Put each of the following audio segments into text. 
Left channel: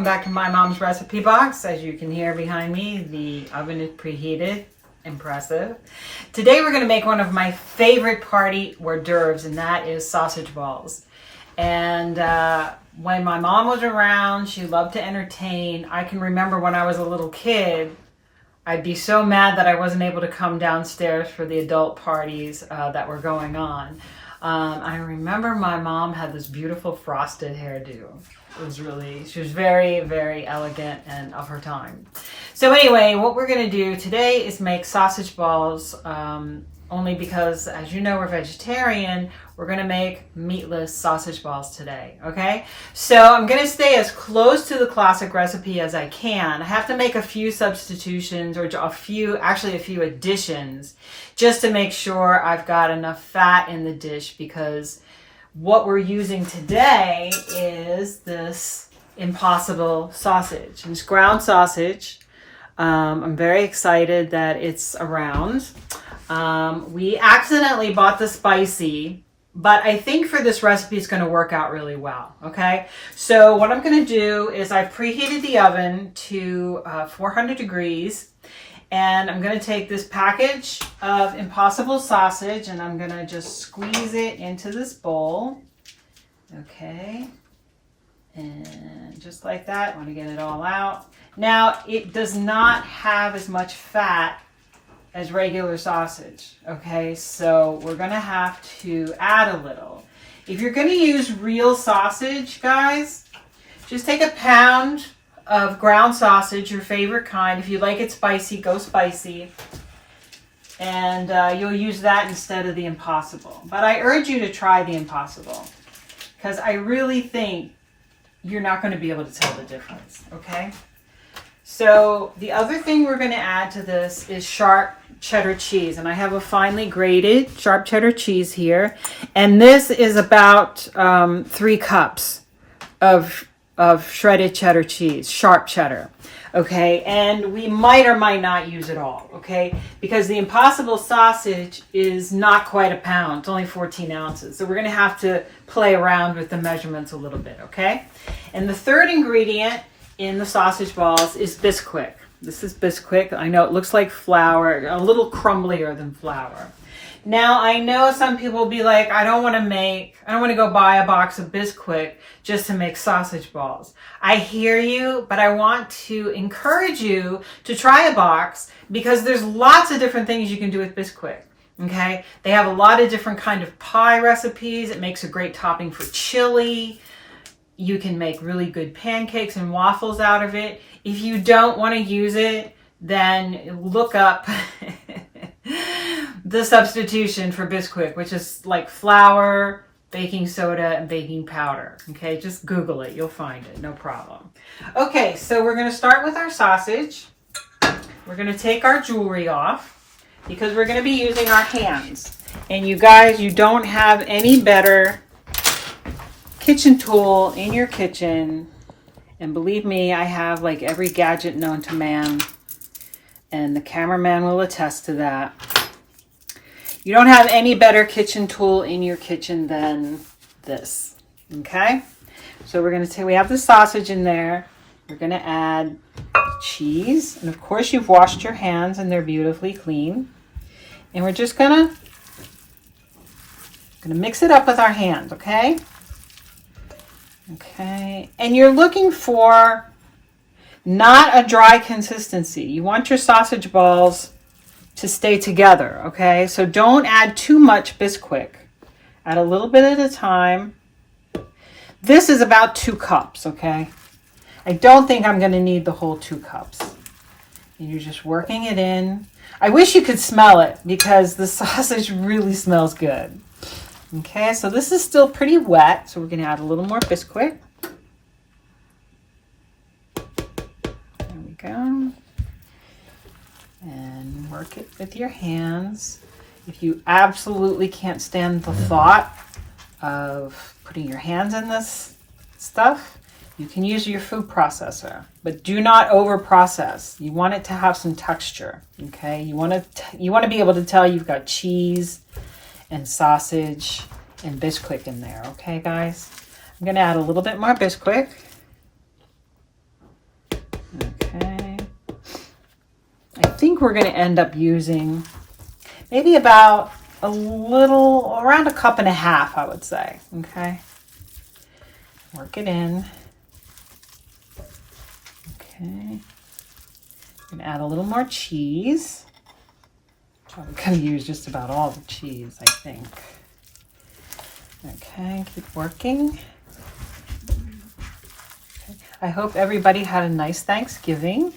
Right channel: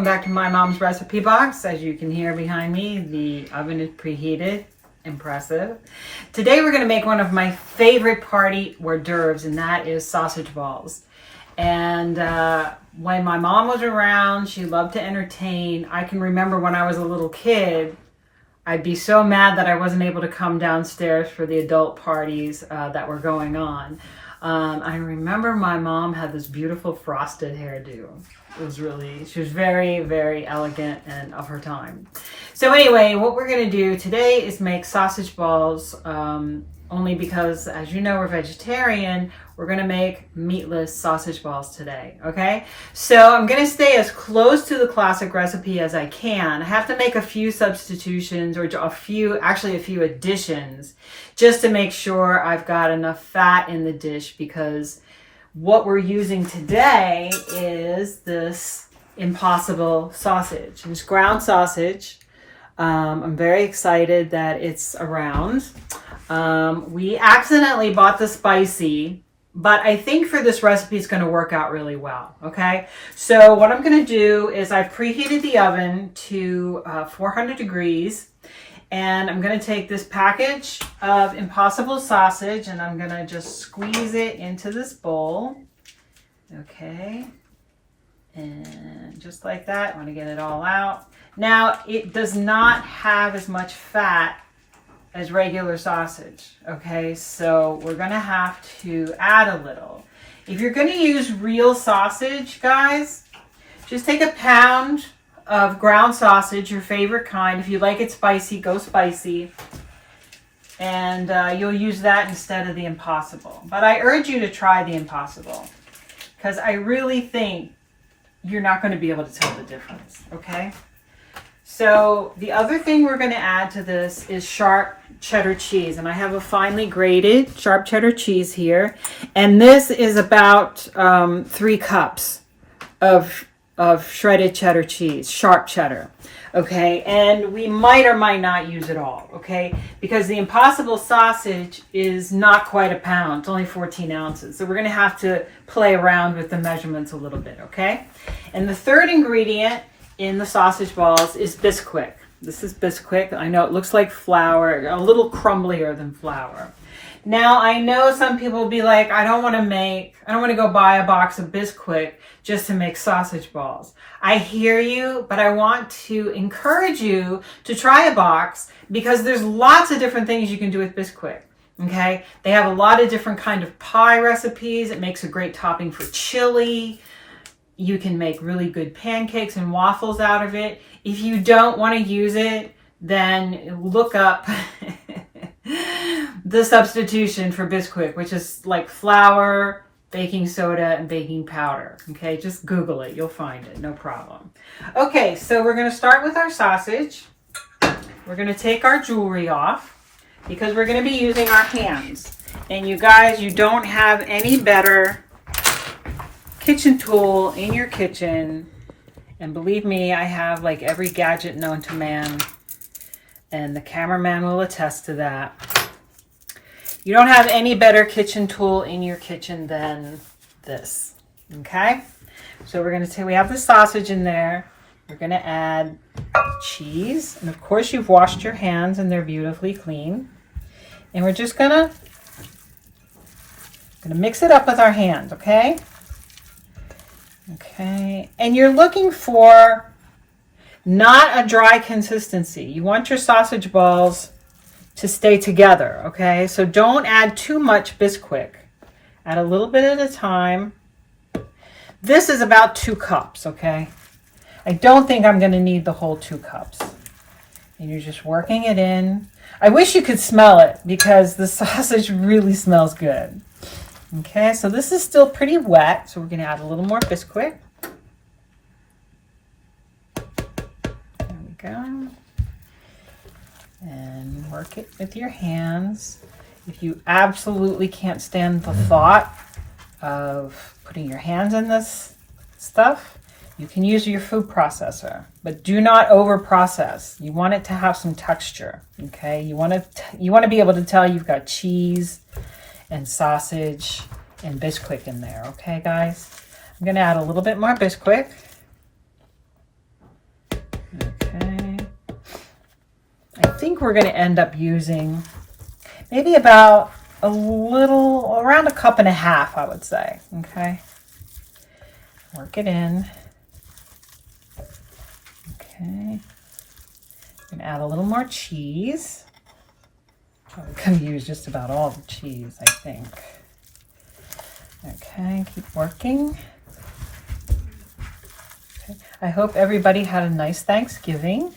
welcome back to my mom's recipe box. As you can hear behind me, the oven is preheated. Impressive. Today we're going to make one of my favorite party hors d'oeuvres, and that is sausage balls. And when my mom was around, she loved to entertain. I can remember when I was a little kid, I'd be so mad that I wasn't able to come downstairs for the adult parties that were going on. I remember my mom had this beautiful frosted hairdo. She was very, very elegant and of her time. So anyway, what we're going to do today is make sausage balls, only because, as you know, we're vegetarian. We're going to make meatless sausage balls today, okay? So I'm going to stay as close to the classic recipe as I can. I have to make a few substitutions, or a few additions, just to make sure I've got enough fat in the dish, because what we're using today is this Impossible sausage. It's ground sausage. I'm very excited that it's around. We accidentally bought the spicy, but I think for this recipe it's going to work out really well, okay? So what I'm going to do is I've preheated the oven to 400 degrees, and I'm going to take this package of Impossible sausage and I'm going to just squeeze it into this bowl, okay? And just like that, I want to get it all out. Now, it does not have as much fat as regular sausage, okay? So we're gonna have to add a little. If you're gonna use real sausage, guys, just take a pound of ground sausage, your favorite kind. If you like it spicy, go spicy. And you'll use that instead of the Impossible. But I urge you to try the Impossible, because I really think you're not gonna be able to tell the difference, okay? So the other thing we're going to add to this is sharp cheddar cheese. And I have a finely grated sharp cheddar cheese here. And this is about 3 cups of shredded cheddar cheese, sharp cheddar. Okay, and we might or might not use it all, okay? Because the Impossible sausage is not quite a pound. It's only 14 ounces. So we're going to have to play around with the measurements a little bit, okay? And the third ingredient in the sausage balls is Bisquick. This is Bisquick. I know it looks like flour, a little crumblier than flour. Now, I know some people will be like, I don't want to go buy a box of Bisquick just to make sausage balls. I hear you, but I want to encourage you to try a box, because there's lots of different things you can do with Bisquick. Okay? They have a lot of different kind of pie recipes. It makes a great topping for chili. You can make really good pancakes and waffles out of it. If you don't want to use it, then look up the substitution for Bisquick, which is like flour, baking soda, and baking powder. Okay, just Google it. You'll find it. No problem. Okay, so we're going to start with our sausage. We're going to take our jewelry off, because we're going to be using our hands. And you guys, you don't have any better kitchen tool in your kitchen, and believe me, I have like every gadget known to man, and the cameraman will attest to that. You don't have any better kitchen tool in your kitchen than this, okay? So we're going to say we have the sausage in there. We're going to add cheese, and of course you've washed your hands and they're beautifully clean. And we're just gonna mix it up with our hands, okay? Okay, and you're looking for not a dry consistency. You want your sausage balls to stay together, okay? So don't add too much Bisquick. Add a little bit at a time. This is about 2 cups, okay? I don't think I'm going to need the whole 2 cups. And you're just working it in. I wish you could smell it, because the sausage really smells good. Okay, so this is still pretty wet, so we're going to add a little more Bisquick. There we go. And work it with your hands. If you absolutely can't stand the thought of putting your hands in this stuff, you can use your food processor, but do not over process. You want it to have some texture, okay? You want to be able to tell you've got cheese and sausage and Bisquick in there, okay, guys? I'm going to add a little bit more Bisquick. think we're going to end up using maybe about around a cup and a half, I would say. Okay. Work it in. Okay. I'm going to add a little more cheese. I'm going to use just about all the cheese, I think. Okay, keep working. Okay. I hope everybody had a nice Thanksgiving.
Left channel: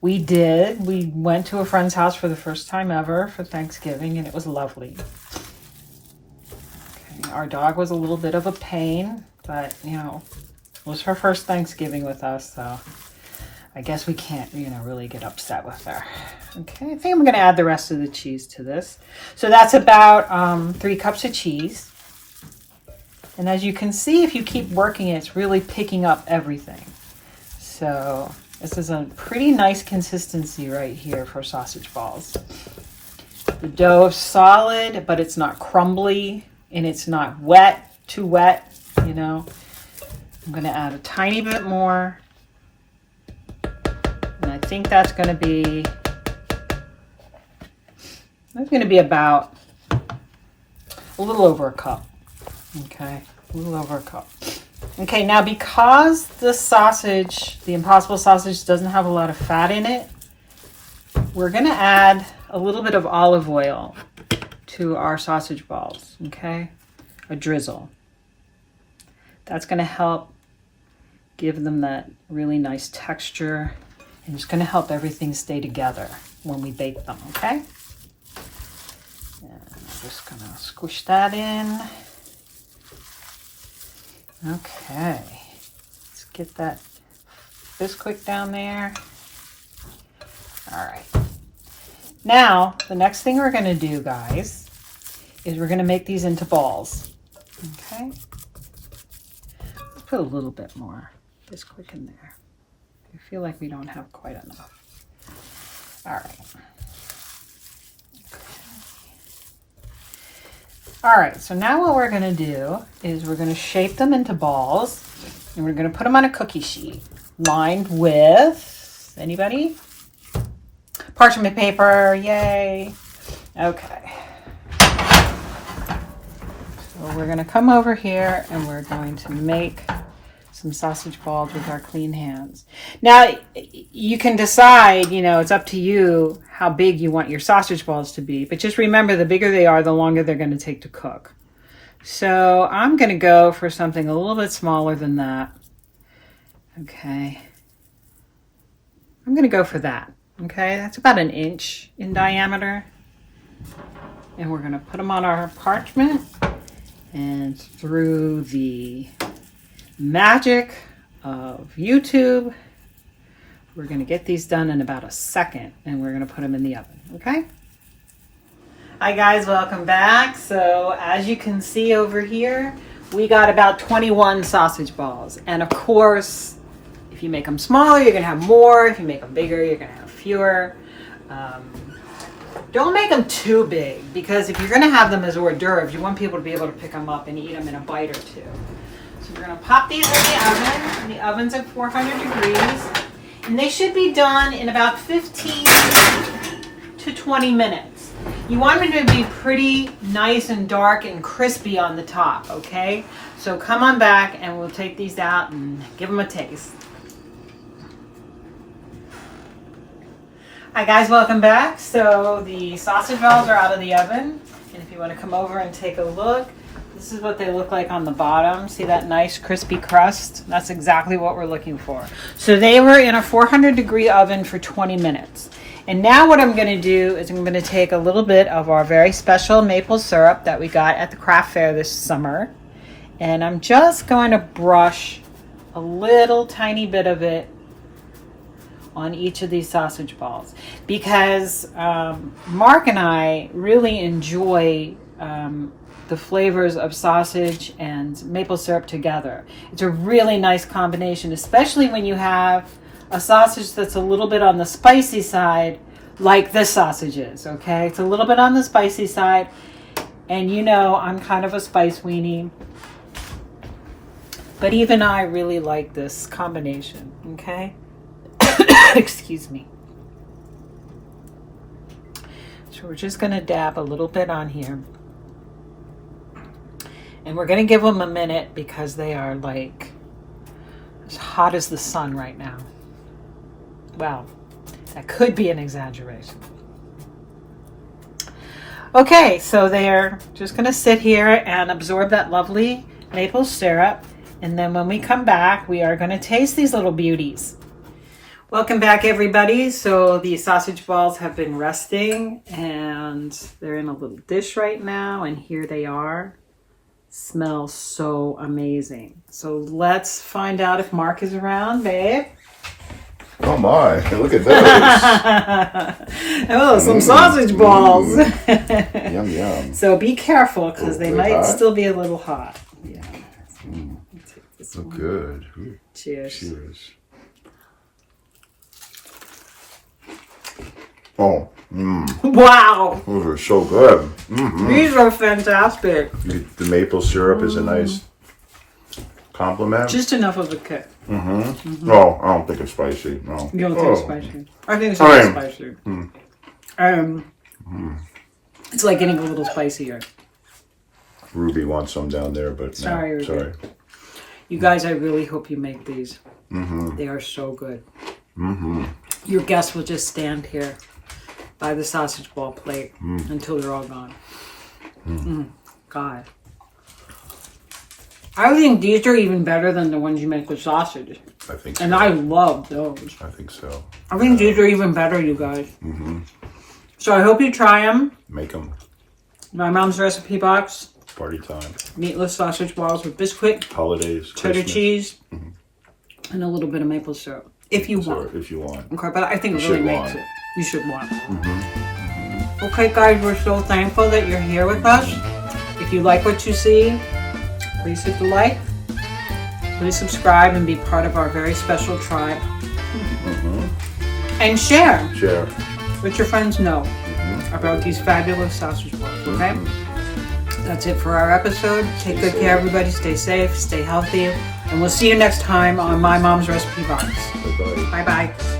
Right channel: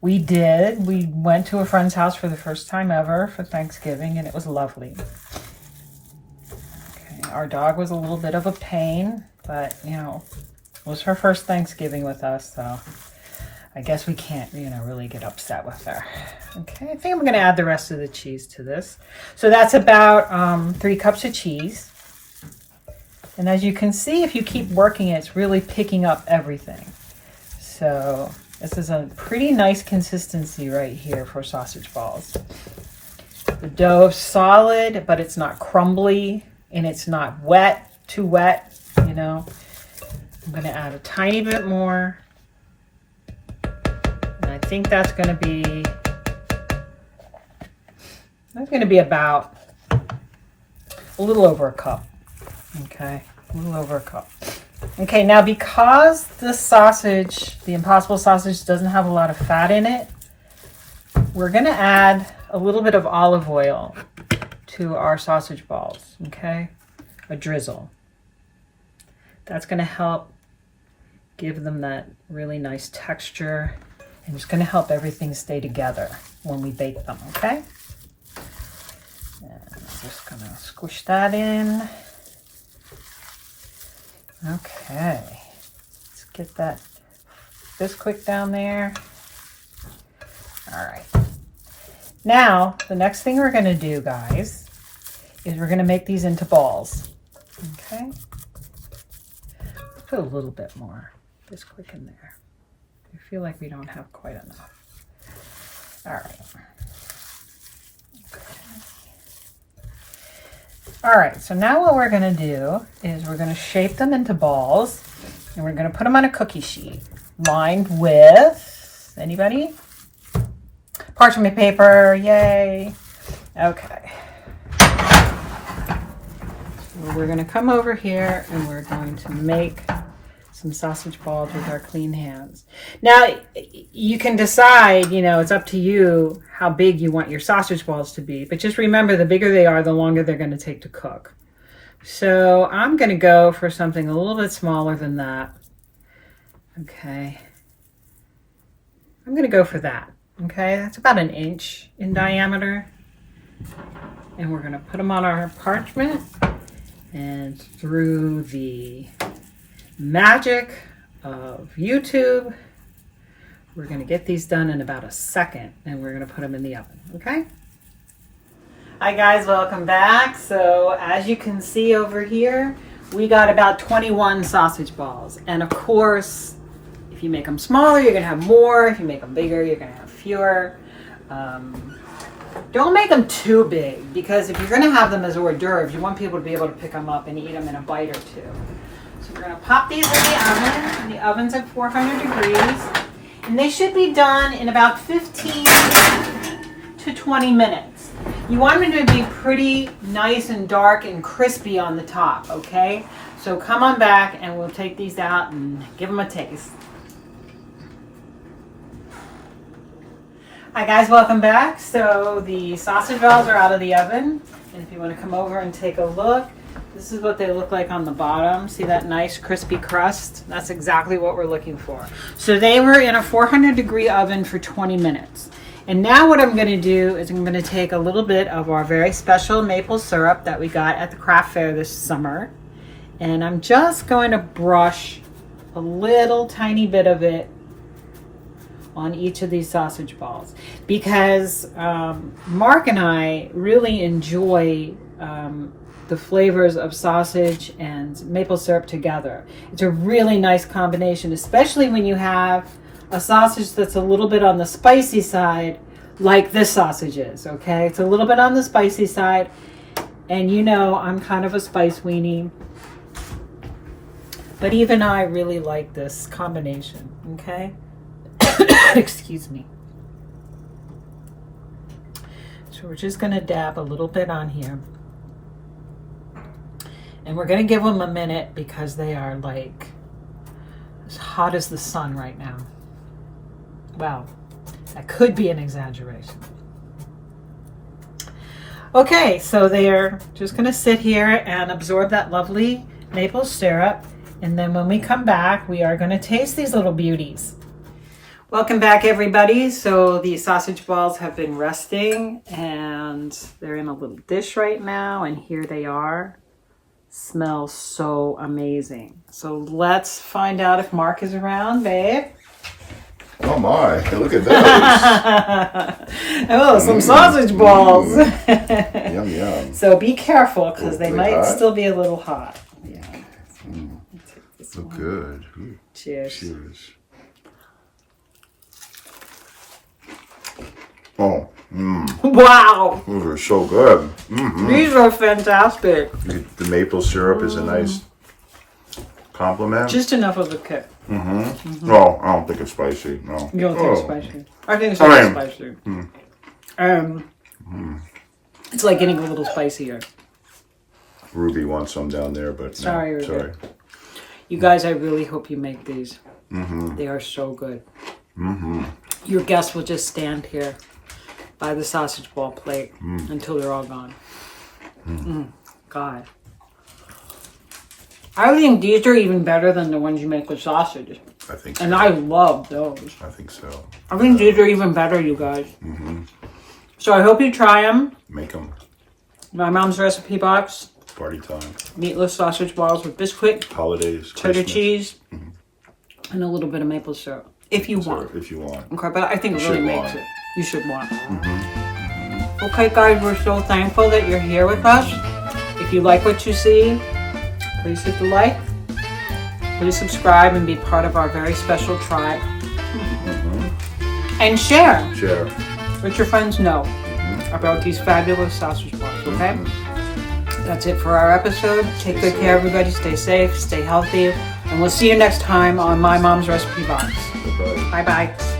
We did. We went to a friend's house for the first time ever for Thanksgiving, and it was lovely. Okay, our dog was a little bit of a pain, but, you know, it was her first Thanksgiving with us, so I guess we can't, you know, really get upset with her. Okay, I think I'm going to add the rest of the cheese to this. So that's about 3 cups of cheese. And as you can see, if you keep working it, it's really picking up everything. So this is a pretty nice consistency right here for sausage balls. The dough is solid, but it's not crumbly, and it's not wet, too wet, you know. I'm going to add a tiny bit more. And I think that's going to be about a little over a cup. Okay, a little over a cup. Okay, now because the sausage, the Impossible sausage, doesn't have a lot of fat in it, we're going to add a little bit of olive oil to our sausage balls, okay? A drizzle. That's going to help give them that really nice texture, and it's going to help everything stay together when we bake them, okay? And I'm just going to squish that in. Okay, let's get that Bisquick down there. All right. Now, the next thing we're going to do, guys, is we're going to make these into balls. Okay. Let's put a little bit more Bisquick in there. I feel like we don't have quite enough. All right. All right, so now what we're going to do is we're going to shape them into balls, and we're going to put them on a cookie sheet lined with, anybody? Parchment paper, yay. Okay. So we're going to come over here and we're going to make some sausage balls with our clean hands. Now, you can decide, you know, it's up to you how big you want your sausage balls to be, but just remember, the bigger they are, the longer they're going to take to cook. So I'm going to go for something a little bit smaller than that. Okay. I'm going to go for that. Okay, that's about 1 inch in diameter. And we're going to put them on our parchment, and through the magic of YouTube, we're going to get these done in about a second, and we're going to put them in the oven, okay? Hi guys, welcome back. So as you can see over here, we got about 21 sausage balls. And of course, if you make them smaller, you're going to have more. If you make them bigger, you're going to have fewer. Don't make them too big, because if you're going to have them as hors d'oeuvres, you want people to be able to pick them up and eat them in a bite or two. So we're going to pop these in the oven. The oven's at 400 degrees. And they should be done in about 15 to 20 minutes. You want them to be pretty nice and dark and crispy on the top, okay? So come on back and we'll take these out and give them a taste. Hi guys, welcome back. So the sausage balls are out of the oven. And if you want to come over and take a look, this is what they look like on the bottom. See that nice crispy crust? That's exactly what we're looking for. So they were in a 400 degree oven for 20 minutes. And now what I'm going to do is I'm going to take a little bit of our very special maple syrup that we got at the craft fair this summer. And I'm just going to brush a little tiny bit of it on each of these sausage balls. Because Mark and I really enjoy the flavors of sausage and maple syrup together. It's a really nice combination, especially when you have a sausage that's a little bit on the spicy side, like this sausage is, okay? It's a little bit on the spicy side, and you know I'm kind of a spice weenie, but even I really like this combination, okay? Excuse me. So we're just going to dab a little bit on here. And we're going to give them a minute because they are like as hot as the sun right now. Well, that could be an exaggeration. Okay, so they're just going to sit here and absorb that lovely maple syrup. And then when we come back, we are going to taste these little beauties. Welcome back, everybody. So the sausage balls have been resting and they're in a little dish right now. And here they are. Smells so amazing. So let's find out if Mark is around, babe. Oh my, look at those. Oh, some sausage balls. Yum, yum. So be careful because they might hot? still be a little hot. Yeah. Look good. Ooh. Cheers. Cheers. Oh, Wow. those are so good. These are fantastic. The maple syrup is a nice compliment. Just enough of a kick. No, I don't think it's spicy. No. You don't think it's spicy? I think it's a little spicy. It's like getting a little spicier. Ruby wants some down there, but Sorry, no. Ruby. Sorry. You guys, I really hope you make these. They are so good. Your guests will just stand here by the sausage ball plate until they're all gone. God. I think these are even better than the ones you make with sausage. I think And so. I love those. I think so. I think these are even better, you guys. So I hope you try them. Make them. My mom's recipe box. Party time. Meatless sausage balls with Bisquick, Holidays. cheddar Christmas. cheese, and a little bit of maple syrup. If you want. Syrup, if you want. Okay, but I think it You really should makes want. it. You should want. Okay, guys, we're so thankful that you're here with us. If you like what you see, please hit the like. Please subscribe and be part of our very special tribe. And share. Share. Let your friends know about these fabulous sausage balls, okay? That's it for our episode. Take good care, everybody. Stay safe, stay healthy, and we'll see you next time on My Mom's Recipe Box. Bye-bye. Bye-bye.